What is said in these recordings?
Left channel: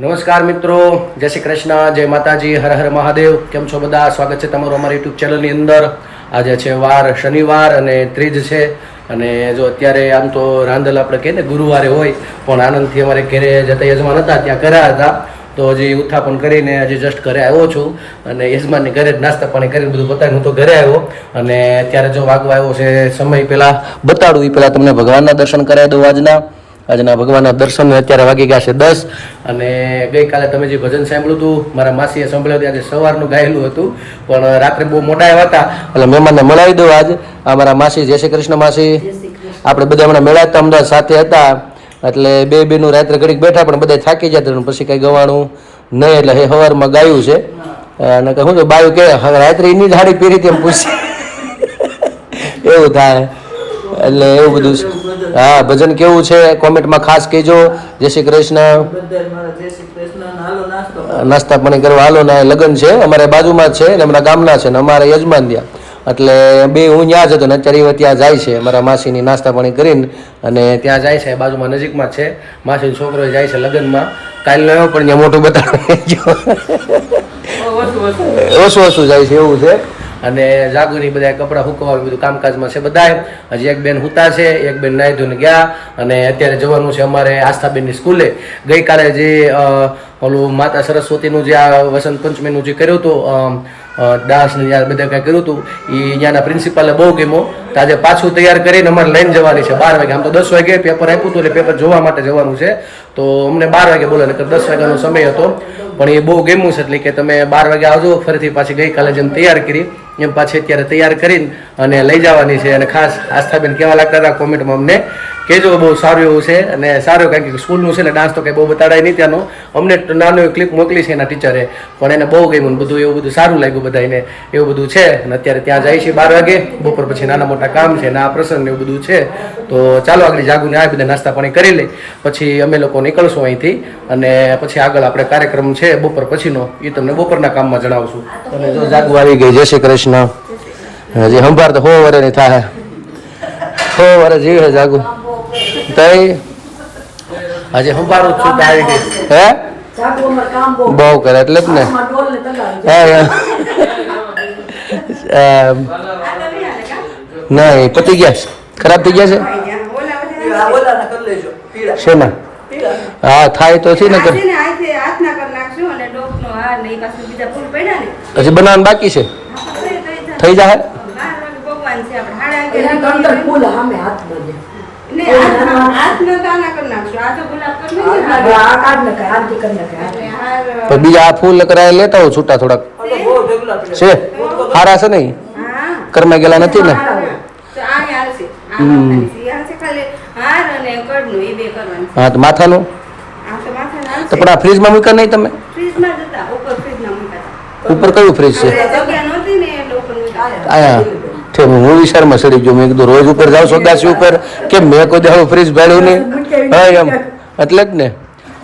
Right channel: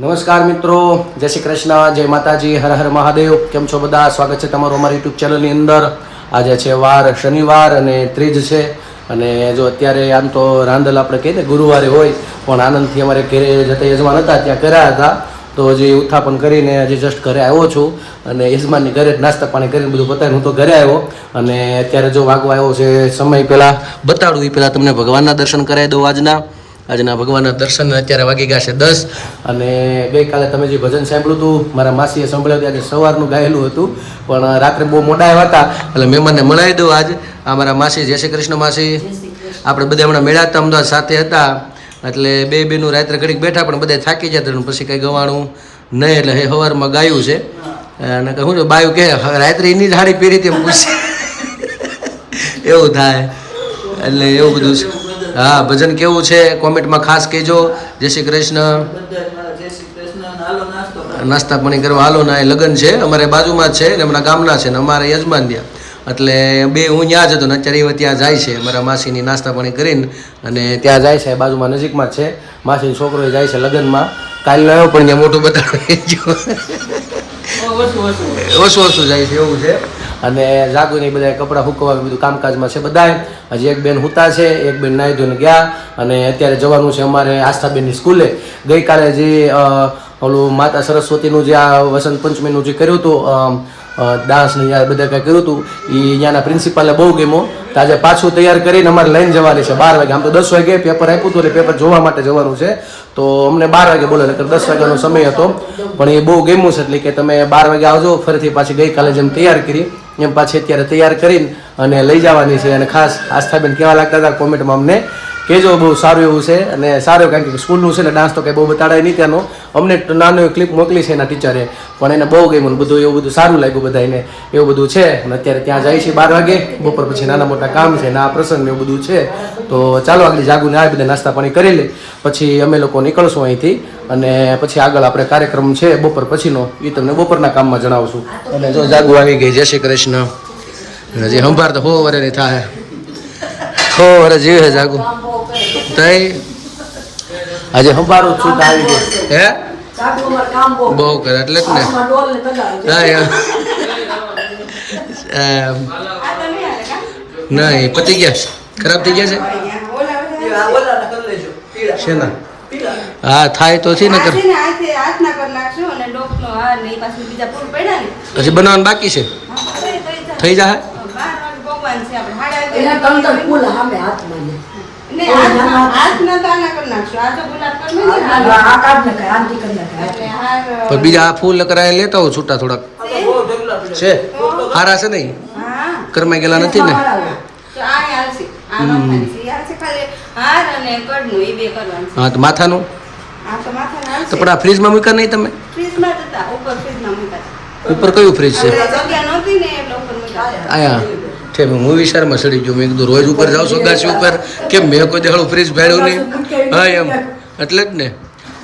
નમસ્કાર મિત્રો, જય શ્રી કૃષ્ણ, જય માતાજી, હર હર મહાદેવ. કેમ છો બધા? સ્વાગત છે તમારું અમારી યુટ્યુબ ચેનલની અંદર. આજે છે વાર શનિવાર અને ત્રીજ છે. અને જો અત્યારે આમ તો રાંધલ આપણે કહીએ ને, ગુરુવારે હોય, પણ આનંદથી અમારે ઘરે જતા યજમાન હતા, ત્યાં કર્યા હતા. તો હજી ઉત્થાપન કરીને હજી જસ્ટ ઘરે આવ્યો છું. અને યજમાનની ઘરે જ નાસ્તા પાણી કરીને બધું બતાવ્યું હું તો ઘરે આવ્યો. અને અત્યારે જો વાગવા આવ્યો છે, સમય પહેલાં બતાડું એ પહેલાં તમને ભગવાનના દર્શન કરાવી દઉં આજના. આજના ભગવાનના દર્શન અત્યારે વાગી ગયા છે દસ. અને ગઈકાલે તમે જે ભજન સાંભળ્યું હતું મારા માસીએ સાંભળ્યું હતું આજે સવારનું ગાયેલું હતું. પણ રાત્રે બહુ મોડા આવ્યા હતા. એટલે મહેમાનને મળાવી દઉં આજ. આ મારા માસી જય શ્રી કૃષ્ણ માસી. આપણે બધા હમણાં મેળા હતા અમદાવાદ સાથે હતા. એટલે બે બેનું રાત્રે ઘડીક બેઠા પણ બધા થાકી જતા પછી કંઈ ગવાણું નહીં એટલે હે સવારમાં ગાયું છે. અને શું છે બાયું કે રાત્રે એની જ હાડી પહેરી હતી પૂછી. એવું થાય. એટલે એવું બધું છે. હા ભજન કેવું છે? કોમેન્ટમાં ખાસ કહેજો. જય શ્રી કૃષ્ણ. નાસ્તો પાણી કરવા હાલો ના એ લગ્ન છે. અમારે બાજુમાં જ છે ને અમારા ગામના છે ને અમારા યજમાન ત્યાં. એટલે બે હું ત્યાં જ હતો ને અત્યારે ત્યાં જાય છે. મારા માસીની નાસ્તા પાણી કરીને અને ત્યાં જાય છે બાજુમાં નજીકમાં છે. માસીનો છોકરો જાય છે લગ્નમાં. કાલ ન પણ ત્યાં મોટું બતાવે ઓછું ઓછું જાય છે એવું છે. અને જાગુની બધા કપડાં હુકવાનું બધું કામકાજમાં છે બધા હજી એક બેન હુતા છે, એક બેન નાહી ધોઈને ગયા અને અત્યારે જવાનું છે અમારે આસ્થાબેનની સ્કૂલે. ગઈકાલે જે ઓલું માતા સરસ્વતીનું જે આ વસંત પંચમીનું જે કર્યું હતું ડાન્સ ને બધા કંઈ કર્યું હતું એ અહીંયાના પ્રિન્સિપાલે બહુ ગમ્યો તો આજે પાછું તૈયાર કરીને અમારે લઈને જવાની છે બાર વાગે. આમ તો દસ વાગે પેપર આપ્યું હતું એટલે પેપર જોવા માટે જવાનું છે. તો અમને બાર વાગે બોલે એટલે દસ વાગ્યાનો સમય હતો. પણ એ બહુ ગમ્યું છે એટલે કે તમે બાર વાગે આવજો, ફરીથી પાછી ગઈકાલે જેમ તૈયાર કરી. એમ પાછી અત્યારે તૈયાર કરીને અને લઈ જવાની છે. અને ખાસ આસ્થાબેન કેવા લાગતા હતા કોમેન્ટમાં અમને કહેજો, બહુ સારું એવું છે અને સારું કારણ કે સ્કૂલનું છે ને ડાન્સ તો કંઈ બહુ બતાડાય નહીં ત્યાંનો. અમને નાનો ક્લિપ મોકલી છે એના ટીચરે પણ એને બહુ ગમ્યું બધું, એવું બધું સારું લાગ્યું બધાને એવું બધું છે. અને અત્યારે ત્યાં જાય છે બાર વાગે. બપોર પછી નાના મોટા કામ છે ને આ પ્રસંગ એવું બધું છે. તો ચાલો આગળ જાગુને આ બધા નાસ્તા પાણી કરી લઈ. પછી અમે લોકો નીકળશું અહીંથી. અને પછી આગળ આપણે કાર્યક્રમ છે બપોર પછીનો. એ તમને બપોરના કામમાં જણાવશું. અને જો જાગુ આવી ગઈ, જય શ્રી કૃષ્ણ. હજી સંભાર તો હો વરેની થાય હો વરે જીવે જાગુ તઈ? હજી સંભારું જ છું તો આવી ગયું હે? બહુ કરે એટલે જ ને. હા. નહીં પતી ગયા છે? ખરાબ થઈ ગયા છે? પીળા બોલાના કરી. લેજો પીળા છે ને હા થાય તો છે ને. કર હજી બનાવવાનું બાકી છે? થઈ જાય પણ બીજા આ ફૂલ કરાય લેતા હોઉં છૂટા થોડાક. છે? હારા છે નહીં? કરમાઈ ગયેલા નથી ને? હા તો માથાનું? તો પણ આ ફ્રીજમાં મૂક્યા નહીં તમે? ઉપર કયું ફ્રીજ છે? છે હું વિચારમાં સડી ગયો મેં કીધું, રોજ ઉપર જાઉં સોદાસી ઉપર. કેમ, મેં કોઈ દાડો ફ્રીજ ભાડ્યું નહીં? હા, એમ. એટલે જ ને.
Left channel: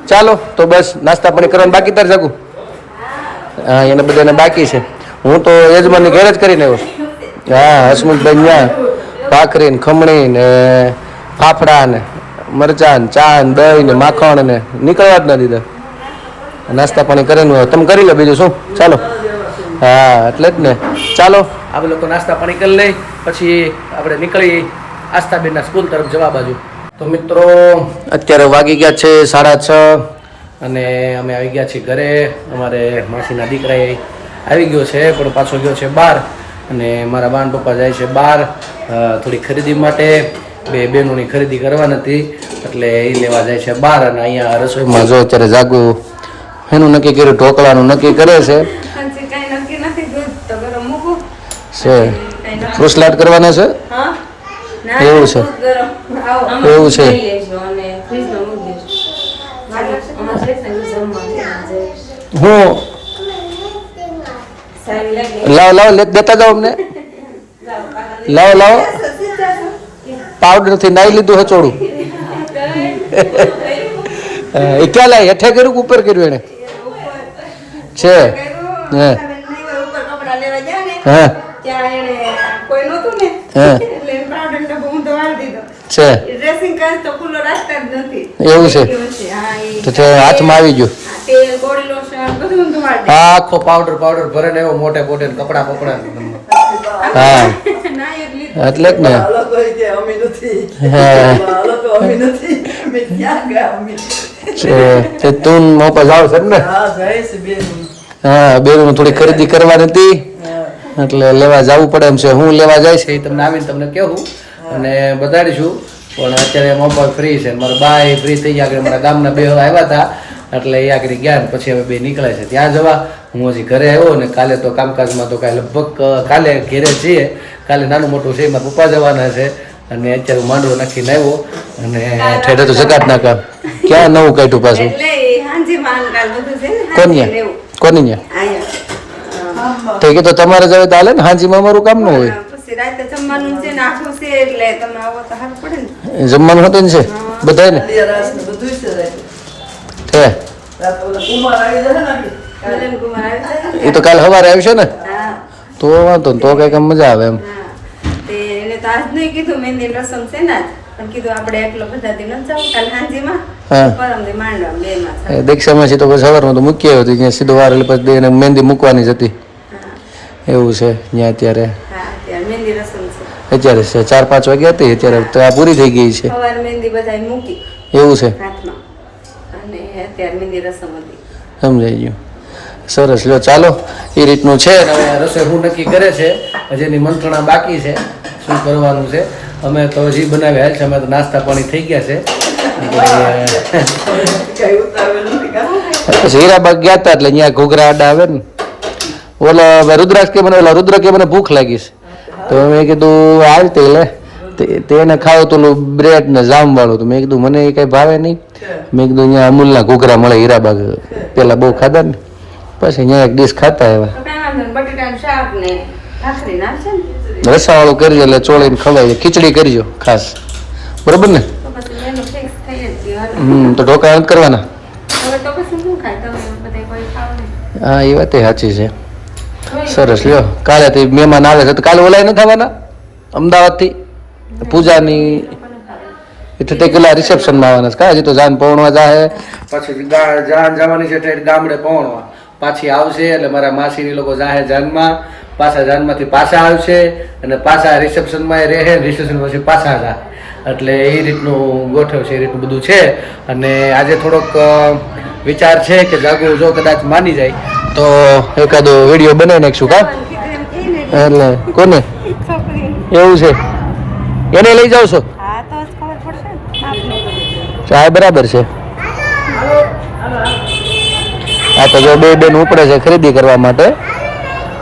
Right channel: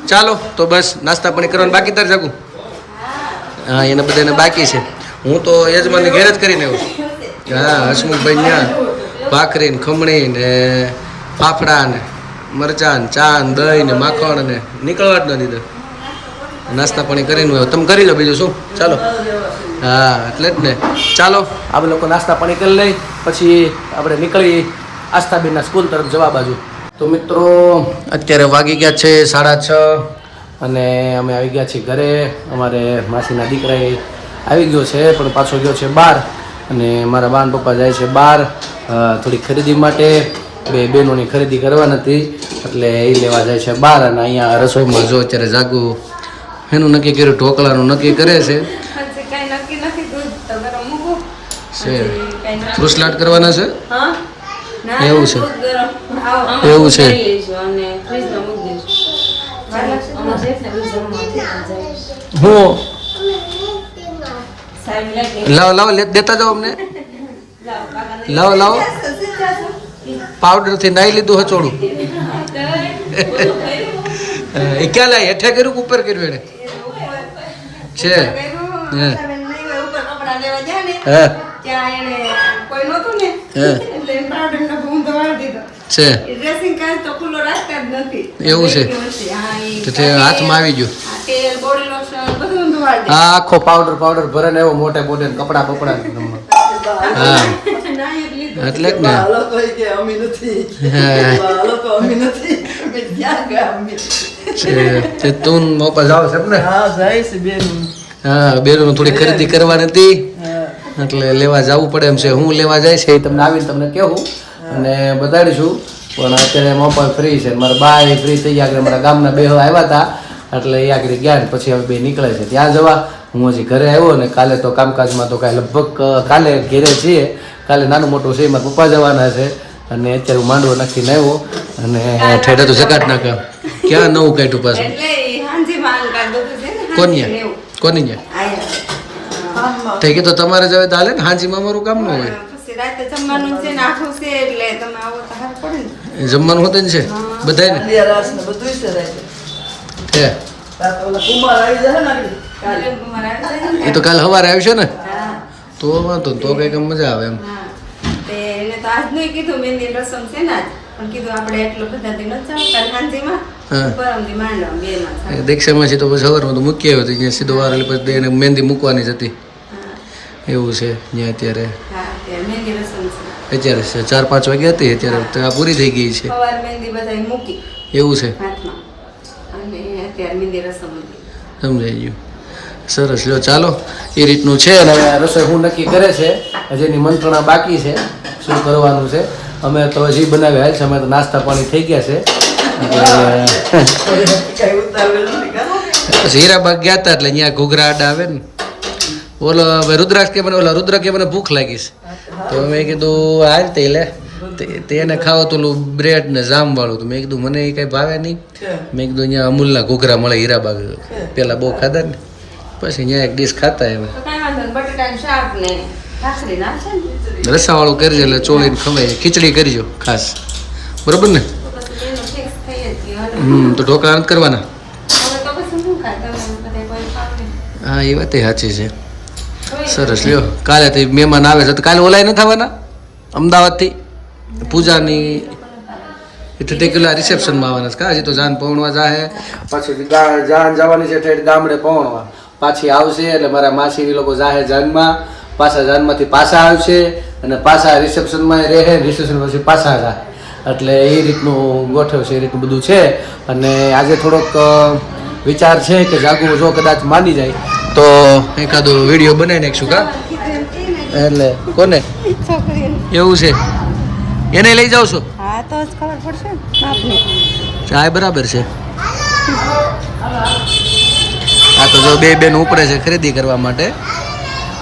ચાલો, તો બસ, નાસ્તા પાણી કરવાનું બાકી તાર જાગું. હા, એને બધાને બાકી છે. હું તો યજમાનની ઘેર જ કરીને આવ્યો હા, હસમુખભાઈ ત્યાં ભાખરી ને ખમણી ને ફાફડા ને મરચાં ને ચા ને દહીં ને માખણ ને નીકળવા જ ન દીધા. નાસ્તા પાણી કરીને. તમે કરી લો બીજું શું? ચાલો. હા, એટલે જ ને. ચાલો. આપણે લોકો નાસ્તા પાણી કરી લઈ, પછી આપણે નીકળી આસ્થાબેનના સ્કૂલ તરફ જવા બાજુ. તો મિત્રો, અત્યારે વાગી ગયા છે સાડા છ અને અમે આવી ગયા છીએ ઘરે. અમારે માસીના દીકરાએ આવી ગયો છે, પણ પાછો ગયો છે બહાર. અને મારા બાન પપ્પા જાય છે બહાર થોડી ખરીદી માટે. બે બહેનોની ખરીદી કરવાની હતી, એટલે એ લેવા જાય છે બહાર. અને અહીંયા રસોઈમાં જો અત્યારે જાગુ, એનું નક્કી કર્યું, ઢોકળાનું નક્કી કરે છે. છે. ફ્રુસલાટ કરવાના છે? એવું છે. એવું છે. હું? લાવો લાવો દેતા જાઓ અમને. લાવો લાવો પાવડરથી નાઈ લીધું હચોડું એ ક્યાં લાય? હેઠે કર્યું ઉપર કર્યું એને? છે. હે. હા. ત્યાં એને કોઈ નહોતું ને. એટલે એને powder નો ડબ્બો દીધો. છે. ડ્રેસિંગ કાચ તો ખુલ્લો રાખતા જ નથી. એવું છે? તો તે હાથમાં આવી ગયો. તેલ બોડી લોશન બધું ધોવાડી આ આખો પાવડર પાવડર ભરે ને એવો મોટે મોટે ને કપડા બપડા હા. એટલે જ ને. તું મોપા જાવ છે ને હા બેન. થોડી ખરીદી કરવાની હતી. એટલે લેવા જવું પડે એમ છે. હું લેવા જઈશ એ તમને આવીને તમને કહેવું અને બતાડીશું પણ અત્યારે મોબાઈલ ફ્રી છે. મારા બાય ફ્રી થઈ ગયા આગળ. મારા ગામના બે આવ્યા હતા. એટલે એ આગળ ગયા પછી હવે બે નીકળે છે. ત્યાં જવા. હું હજી ઘરે આવ્યો ને કાલે તો કામકાજમાં તો કાંઈ લગભગ કાલે ઘેરે છીએ. કાલે નાનું મોટું છે. મારા પપ્પા જવાના છે. અને અત્યારે હું માંડવો નાખીને આવ્યો. અને ઠેઠે તો જકાત નાખા ક્યાં નવું કાઢ્યું પાછું? કોની કોની અહીંયા. તો તમારે જવે તો હાલે ને હાંજીમાં અમારું કામ ન હોય. જમવાનું હતું ને છે? બધા ને? એ તો કાલ સવારે આવશે ને? તો વાંધો તો કંઈક આમ મજા આવે એમ. એને તો આજ નહીં કીધું મેં રસમ છે ને દીક્ષામાં છે તો પછી સવારમાં તો મૂકી આવ્યો ત્યાં સીધો વાર એટલે પછી એને મહેંદી મૂકવાની જ હતી. એવું છે ત્યાં અત્યારે. અત્યારે છે. ચાર પાંચ વાગે હતી અત્યારે તો આ પૂરી થઈ ગઈ છે. એવું છે. સમજાઈ ગયું. સરસ લો ચાલો. એ રીતનું છે અને રસોઈ હું નક્કી કરે છે. હજી એની મંત્રણા બાકી છે શું કરવાનું છે. અમે તો હજી બનાવ્યા છે અમે તો નાસ્તા પાણી થઈ ગયા છે. હીરાબાગ ગયા હતા એટલે અહીંયા ઘૂઘરા આડા આવે ને. ઓલો હવે રુદ્રાક્ષ કે મને ઓલા રુદ્ર કે મને ભૂખ લાગી છે. તો મેં કીધું હાલ તે લે. તે- તેને ખાવ તો ઓલું બ્રેડ ને જામ વાળું તો. મેં કીધું મને એ કઈ ભાવે નહીં. મેં કીધું અહીંયા અમૂલના ઘૂઘરા મળે હીરાબાગ. પેલા બહુ ખાધા ને. પછી અહીંયા એક ડીશ ખાતા આવ્યા. રસાવાળું કરજો એટલે ચોળીને ખવાય. ખીચડી કરજો ખાસ. બરોબર ને. હમ, તો ઢોકળા નથી કરવાના? હા, એ વાત સાચી છે. સરસ. લ્યો, કાલે તો મહેમાન આવે છે. તો કાલે ઓલાય ન થવાના અમદાવાદથી? પૂજાની એટલે પેલા રિસેપ્શનમાં આવવાના છે. હજી તો જાન પહોંચવા જાહે. પછી જાન જવાની છે ગામડે પહોંચવા પાછી આવશે એટલે મારા માસી લોકો જાહે જાનમાં. પાછા જાનમાંથી પાછા આવશે અને પાછા રિસેપ્શનમાં રહે, રિસેપ્શન પછી પાછા જા. એટલે એ રીતનું ગોઠવ છે, એ રીતનું બધું છે. અને આજે થોડોક વિચાર છે કે જાગુ જો કદાચ માની જાય, તો એકાદો વીડિયો બનાવી નાખશું કા? એટલે કોને? એવું છે. એને લઈ જાવ છો. ચાય બરાબર છે. આ તો જો બે બેન ઉપડે છે ખરીદી કરવા માટે.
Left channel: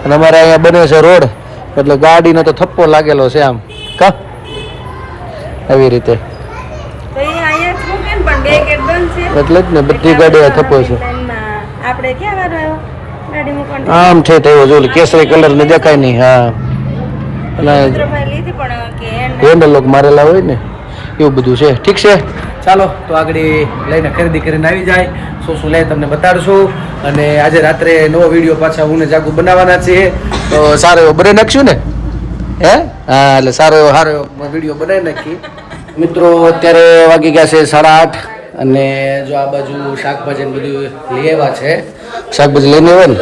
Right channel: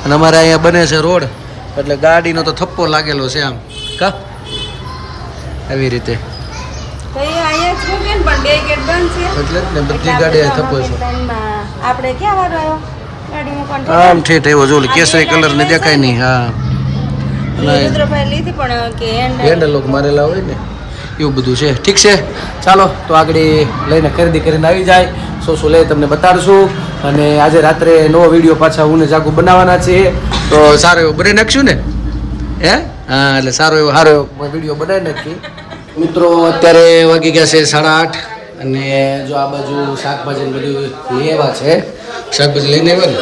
અને અમારે અહીંયા બને છે રોડ. એટલે ગાડીનો તો થપ્પો લાગેલો છે આમ. કા? એવી રીતે. એટલે જ ને બધી ગાડીનો થપ્પો છે. આપણે ક્યાં આવ્યો? આમ ઠેઠ આવ્યો જો કેસરી કલર ને દેખાય નહીં હા. હેન્ડલ મારેલા હોય ને. એવું બધું છે. ઠીક છે. ચાલો તો આગળ લઈને ખરીદી કરીને આવી જાય. શું શું લે તમને બતાડશું. અને આજે રાત્રે નવો વીડિયો પાછા હું ને જાગુ બનાવવાના છીએ. તો સારો એવો બનાવી નાખશું ને? હે? હા, એટલે સારો એવો સારો એવો વીડિયો બનાવી નાખી. મિત્રો, અત્યારે વાગી ગયા છે સાડા આઠ અને જો આ બાજુ શાકભાજી બધું લઈ આવ્યા છે. શાકભાજી લઈને આવ્યા ને?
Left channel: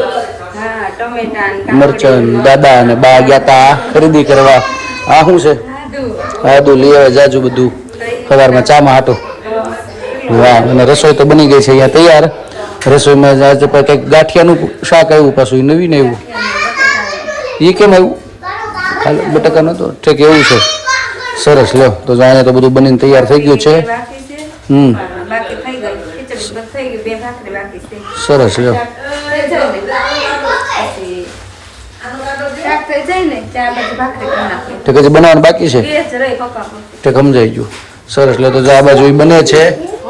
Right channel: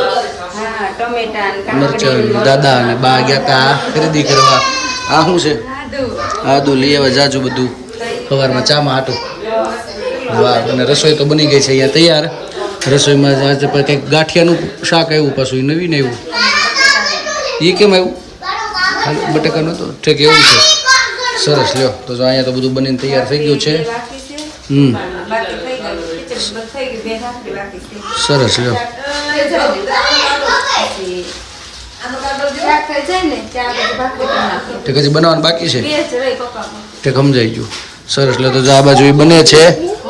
મરચન દાદા અને બા ગયા તા ખરીદી કરવા. આ શું છે? આદુ લઈ આવે જાજુ બધું. સવારમાં ચામાં હાટો. વાહ, અને રસોઈ તો બની ગઈ છે અહીંયા તૈયાર. રસોઈમાં જાય પણ કંઈક ગાંઠિયાનું શાક આવ્યું પાછું એ નવીન આવ્યું. એ કેમ આવ્યું? ખાલી બટાકાનું તો ઠીક એવું છે. સરસ લ્યો. તો જાણે તો બધું બનીને તૈયાર થઈ ગયું છે. હમ. છે સરસ લ્યો. નાખો ઠીક હજી બનાવવાનું બાકી છે? ઠીક સમજાઈ ગયું. સરસ, લે, તો જો આ બાજુ એ બને છે.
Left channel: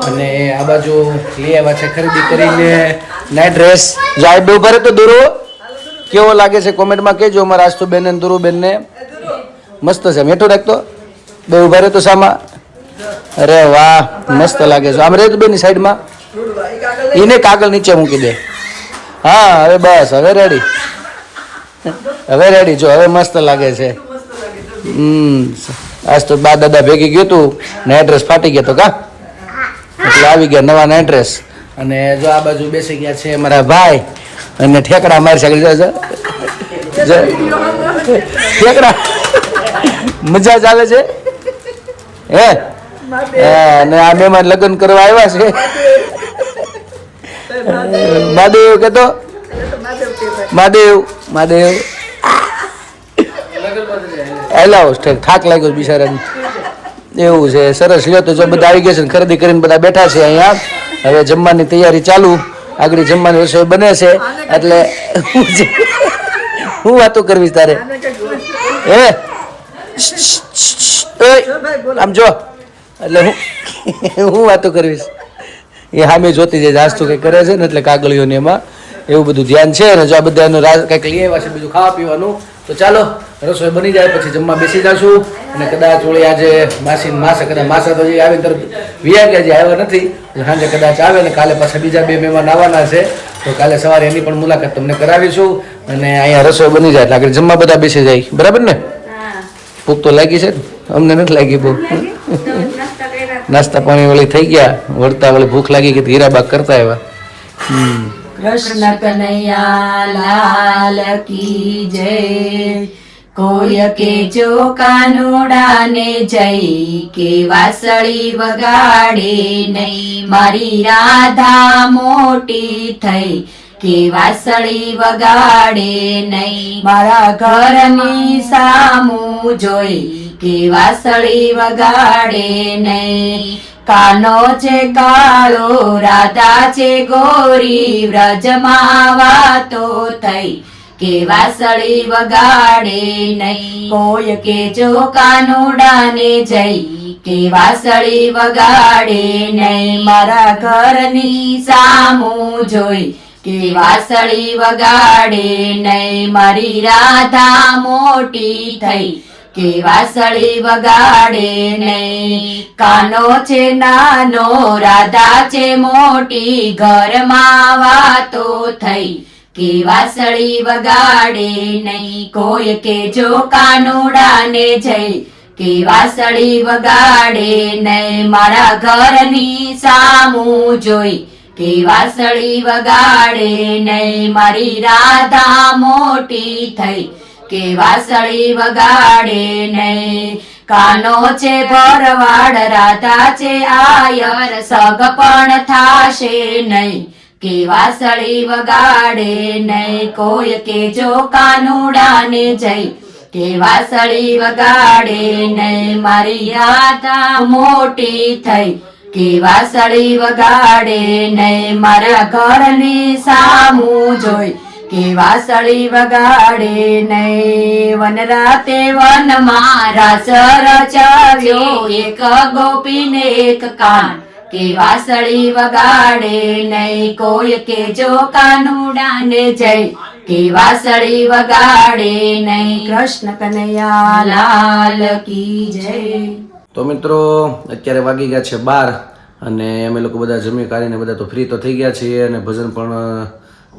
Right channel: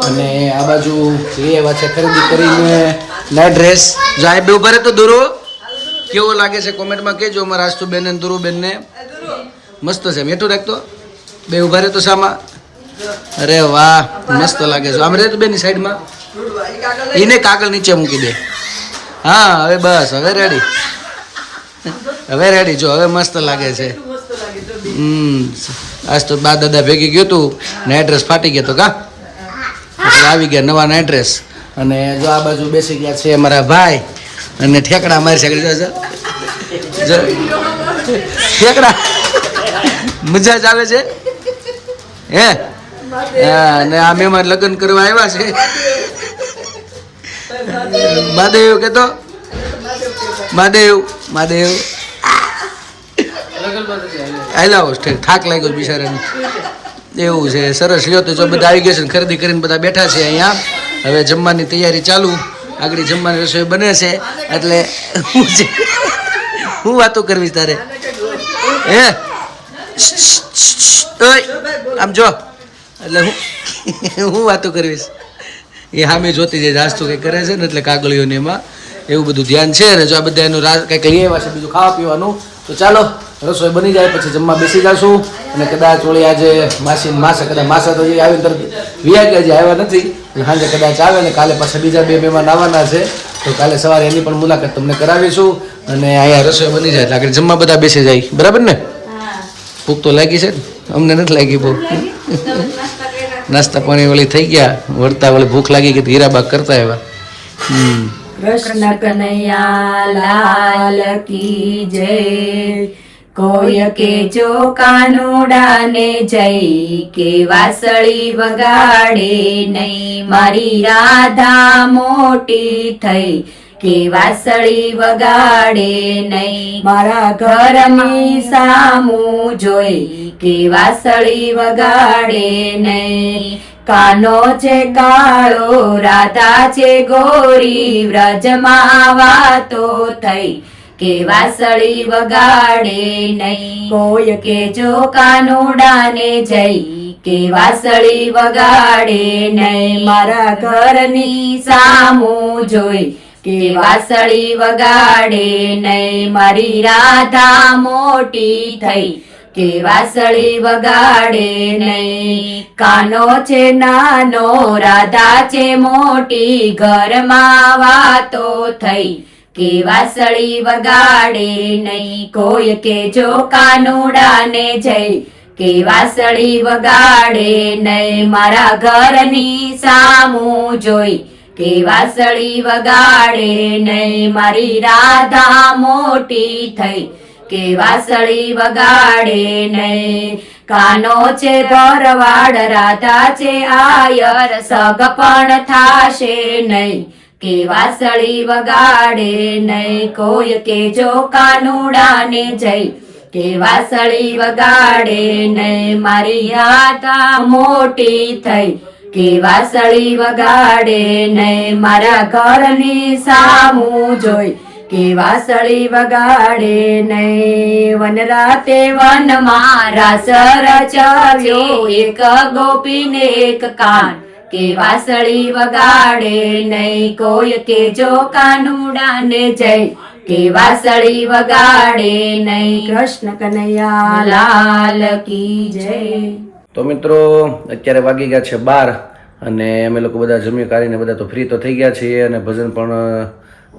અને આ બાજુ લઈ આવ્યા છે ખરીદી કરીને. નાઇટ ડ્રેસ જાય બે ઊભા તો દુરો કેવો લાગે છે કોમેન્ટમાં કહેજો. અમારા આસ્તુ બેન ને દુરુ બેન ને મસ્ત છે. મેઠું રાખતો. બે ઊભા રહે તો સામા. અરે વાહ, મસ્ત લાગે છે. આમ રહે તો બેની સાઈડમાં. એને કાગળ નીચે મૂકી દે. હા, હવે બસ, હવે રેડી હવે રેડી જો, હવે મસ્ત લાગે છે. હમ આજ તો બા દાદા ભેગી ગયું હતું ને એડ્રેસ ફાટી ગયો તો કા? એટલે આવી ગયા નવા એડ્રેસ અને જો આ બાજુ બેસી ગયા છે મારા ભાઈ અને ઠેકડા મારી શકે ઠેકડા. મજા જ આવે છે. હે? હા, અને આ મહેમાન લગ્ન કરવા આવ્યા છે. મહાદેવ કેતો? મહાદેવ મહાદેવ. હેલાવો ઠેક થાક લાગ્યો બિચારાને. એવું છે, સરસ. લ્યો તો જો બધા આવી ગયા છે ખરીદી કરીને બધા બેઠા છે અહીંયા. હવે જમવાની તૈયારી ચાલુ. આગળ જમવાની રસોઈ બને છે. એટલે હું જે- હું વાતો કરવી તારે. હે? આમ જો. એટલે હું હું વાતો કરવીશ. એ સામે જોતી જાય જાસ્તું કંઈક કરે છે ને, એટલે કાગળીઓને એમાં એવું બધું ધ્યાન છે. ને જો આ બધા એનું કંઈક લઈ આવ્યા છે, બીજું ખાવા પીવાનું. તો ચાલો. રસોઈ બની જાય પછી જમવા બેસી જશું. અને કદાચ ઓળી આજે માસી માસે કદાચ માસા તો આવીને તરત વિયા ગયા હજી આવ્યા નથી. સાંજે કદાચ આવે ને કાલે પાછા બીજા બે મહેમાન આવવાના છે. તો કાલે સવારે એની પણ મુલાકાત તમને કરાવીશું. અને અહીંયા રસોઈ બની જાય એટલે આગળ જમવા બધા બેસી જાય. બરાબર ને? ભૂખ તો લાગી છે અમને નથી લાગી બહુ નાસ્તા પાણી વળી થઈ ગયા. વળતા વળી ભૂખ લાગી ગઈ તો હીરાબાગ કરતા આવ્યા. હમ. કૃષ્ણ કનૈયા લાલ કી જય. કોઈ કે જો કાનુડાને જઈ કે વાસળી વગાડે નહીં. મારી રાધા મોટી થઈ કે વાસળી વગાડે નહીં. મારા ઘરની સામું જોઈ કે વાસળી વગાડે નહીં. કાનો છે કાળો, રાધા છે ગોરી, વ્રજમાં વાતો થઈ કે વાસળી વગાડે નહીં. કોઈ કે જો કાનુડાને જઈ કે વાસળી વગાડે નહીં. મારા ઘરની સામું જોઈ કે વાસળી વગાડે નહીં. મારી રાધા મોટી થઈ કે વાસળી વગાડે નહીં. કાનો છે, નાનો, રાધા છે, મોટી, ઘરમાં વાતો થઈ કે વાસળી વગાડે નહીં. કોઈ કે જો કાનુડાને જઈ કે વાસળી વગાડે નહીં. મારા ઘરની સામું જોઈ કે વાસળી વગાડે નહીં. મારી રાધા મોટી થઈ કે વાસળી વગાડે નહીં. કાનો છે ભરવાડ, રાધા છે આયર, સગ પણ થાશે નહીં. કે વાસળી વગાડે નહીં કોઈ કે જો કાનુડાને જઈ કે વાસળી વગાડે નહીં મારી રાધા મોટી થઈ. કે વાસળી વગાડે નહીં મારા ઘરની સામું જોઈ. કે વાસળી વગાડે નહીં વન રાતે વન મારા સર ચાલ્યો એક ગોપીને એક કાન. કે વાસળી વગાડે નહીં કોઈ કે જો કાનુડાને જઈ કે વાસળી વગાડે નહીં કૃષ્ણ કનૈયા લાલ કી જય. તો મિત્રો, અત્યારે વાગી ગયા છે બાર અને અમે લોકો બધા જમી કાઢીને બધા તો ફ્રી તો થઈ ગયા છીએ અને ભજન પણ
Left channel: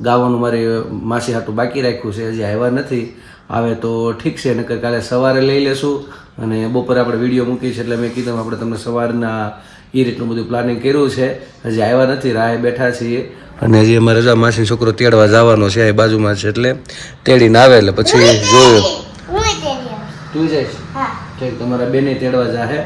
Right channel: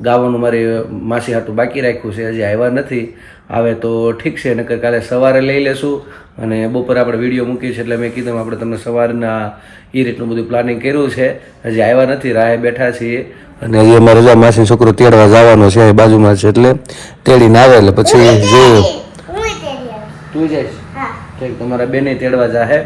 ગાવાનું મારી માસી હાટું બાકી રાખ્યું છે હજી આવ્યા નથી. આવે તો ઠીક છે નકર કાલે સવારે લઈ લેશું અને બપોરે આપણે વીડિયો મૂકી છે એટલે મેં કીધું આપણે તમે સવારના એ રીતનું બધું પ્લાનિંગ કર્યું છે. હજી આવ્યા નથી રાહે બેઠા છીએ. અને હજી અમારે જો માસી છોકરો તેડવા જવાનો છે એ બાજુમાં છે એટલે તેડીને આવે એટલે પછી જોયું તું જઈશ ઠીક તમારા બેને તેડવા જાહે?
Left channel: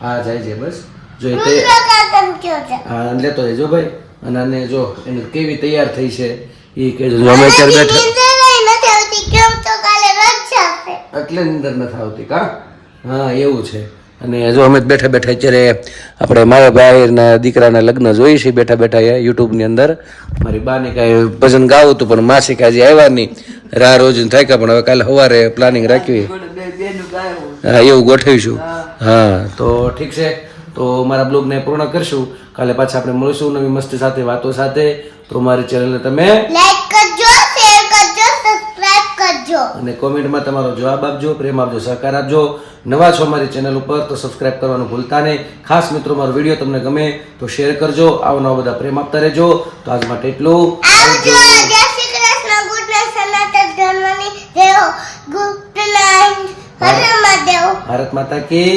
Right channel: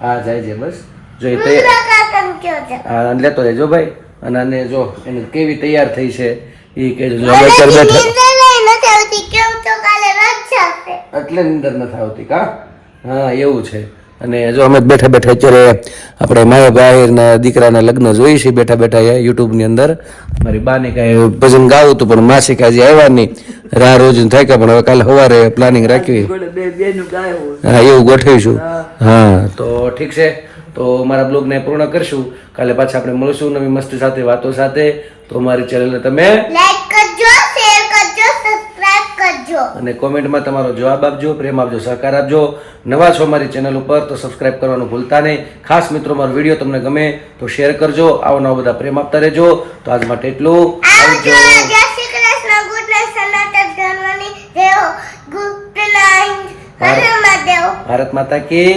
હા જાય છે બસ. જો એ તૈયાર હા લેતો જજો ભાઈ. અને આને જો એને કેવી તૈયાર થઈ છે એ કહેજો જો અમે અત્યારે બેઠા એટલે નીંદર નથી આવતી કા? હા એવું છે. અને જો અમે બેઠા બેઠા અત્યારે આપણે મારા ભાઈના દીકરાના લગ્ન જોઈએ છીએ બેઠા બેઠા એ યુટ્યુબની અંદર. મારી બાને કાંઈ ભજન ગાવું હતું પણ માસી કાંઈ હજી આવ્યા નહીં. રાહ રોજ થાય કે પણ હવે કાલે સવારે પ્લાનિંગ રાખી. હા એવું ગોઠવીશું. હા તો ઠીક છે. તો મારા બ્લોગને પૂર્ણ કરશું. કાલે પાછા આપણે મળીશું નવી મસ્તી સાથે વાતો સાથે. તો મારી ચેનલને તમે લાઈક કરજો શેર કરજો સબસ્ક્રાઇબ કરજો. અને કોમેન્ટમાં તમારો જવાબ આપજો પ્રેમ આપજો સહકાર આપજો. નવા છો મારી ચેનલ ઉપર તો સબસ્ક્રાઇબ કરવાનું ભૂલતા નહીં. ખાસ મિત્રો મારો વીડિયો તમને ગમે તો શેર કરજો. આવો નવા બધા પ્રેમ આપતા રહેજો. તો આજ માટે એટલું. આવજો. ભારત માતા કી